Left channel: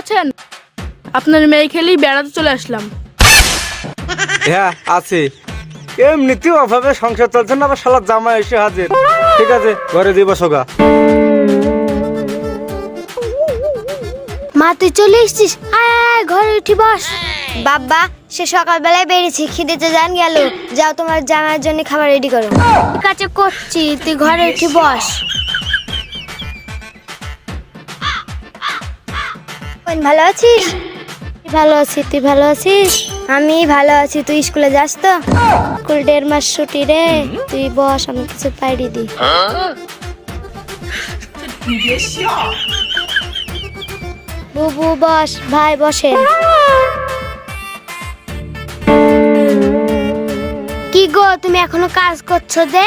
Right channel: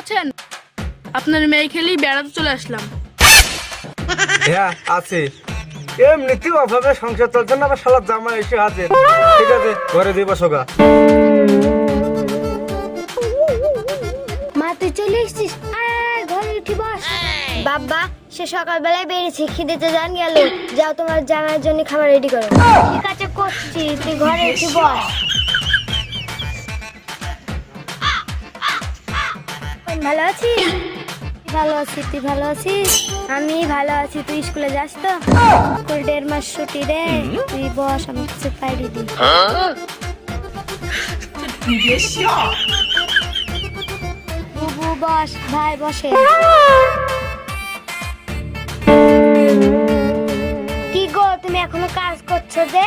আছেন? আপনার মেয়ে খেলেই বেড়াতে চলে আসলাম। হ্যাঁ আছে। এমনিতেও অভাবে সংসার চলছে না, আবার শালার জামাই এসে হাজির। ঠিক আছে, ঘরে দিব সোগা। মা তুই চলে এসেছিস, আয় ঘরে উঠি বস। বাবা সে সকালবেলায় বেরিয়েছি, খিদেতে জান গেল। যাও তোমার জামাইয়ের জন্য খাবার রেডি করো। ঠিক আছে করছি, তুই ঘরে উঠি বস। ভালো আছিস? ভালো আছি, তুই ভালো আছিস? আমি ভালো আছি। তুই স্কুলে যাস তো? স্কুল 1.5 মাস ছুটি রে। তুই বস, আমি কিছু পাইরি দি। বুবু বস, ভাই বসে। কি গো তুমি এখনো কাজ করছো যে?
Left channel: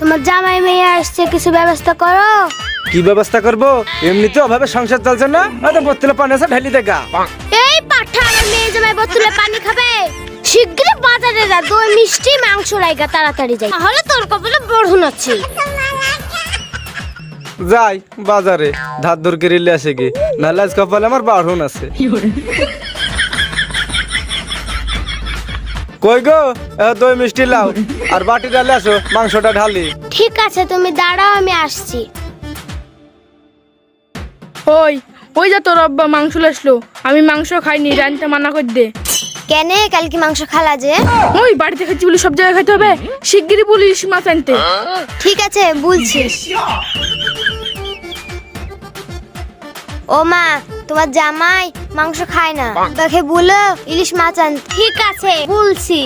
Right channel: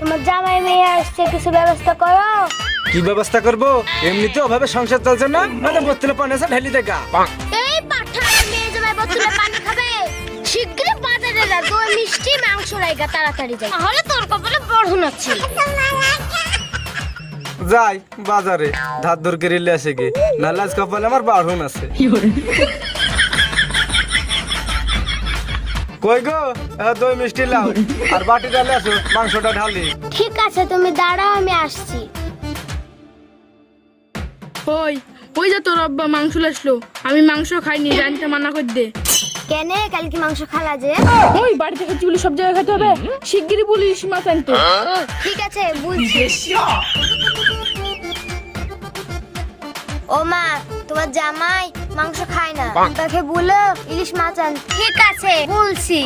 তোমার জামাই মেয়ে আসছে, কিছু ব্যবস্থা করো। কি ব্যবস্থা করব? এমনিতেও অভাবে সংসার চলছে না, আরে বোতলে পানি আছে ঢেলি দেখা। এই পাঠা মেয়ে জামাই বোতলে পানি খাবে? শিগগিরই বাজারে যা, দই মিষ্টি মাংস রাইগা তাড়াতাড়ি যাই, তাহলে তোর কপালে বড় আছে। যাই বাজারে ধার ধর করে নিয়ে আসে গে, নাহলে আজ কপালে আমার বাড়ন আছে। কই গো, দই মিষ্টি লাও আর বাটি ডালে আসো, মাংসটা ঢালি। ঠিক আছে তুমি দাঁড়াও, আমি আসছি। ওই ওই যা তোর আব্বা মাংস আসলো, আমি মাংস খাইনি, জানতে মানা করে দে। কেন কাল কি মাংস খালা যে? ওই বাড়িতে খাচ্ছি বলে সব জায়গায় খাইতে হবে? শিগগিরই বলিস মাছ আনতে। ঠিক আছে বলছি। ও মা, তোমার জামাই মাংস খায় না, তাকে বলো ইলিশ মাছ আন। ঠিক আছে বলছি।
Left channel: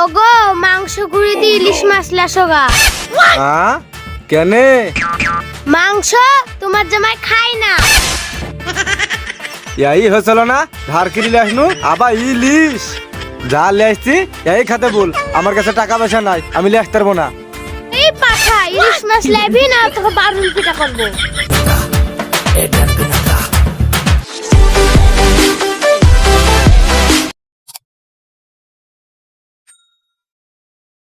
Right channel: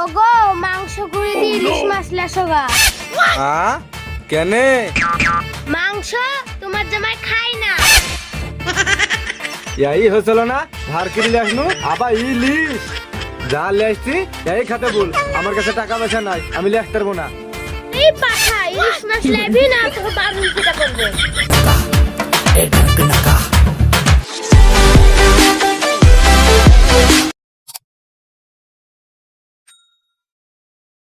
ওগো মাংস গুঁড়ি দিয়ে ইলিশ মাছ লাসোগা। হ্যাঁ কেনে? মাংস তোমার জামাই খায় না। এই হয়েছিল না, ধার কিনলে আসনু আবার ইলিশ যা লে আসছি এই খাতে বল। আমার কাছে টাকা পয়সা নাই, আমি লে আসতে পারবো না। এই পাঠা ইলিশ মাছ লাইবি না, তোকে বারুন পিটা করবো।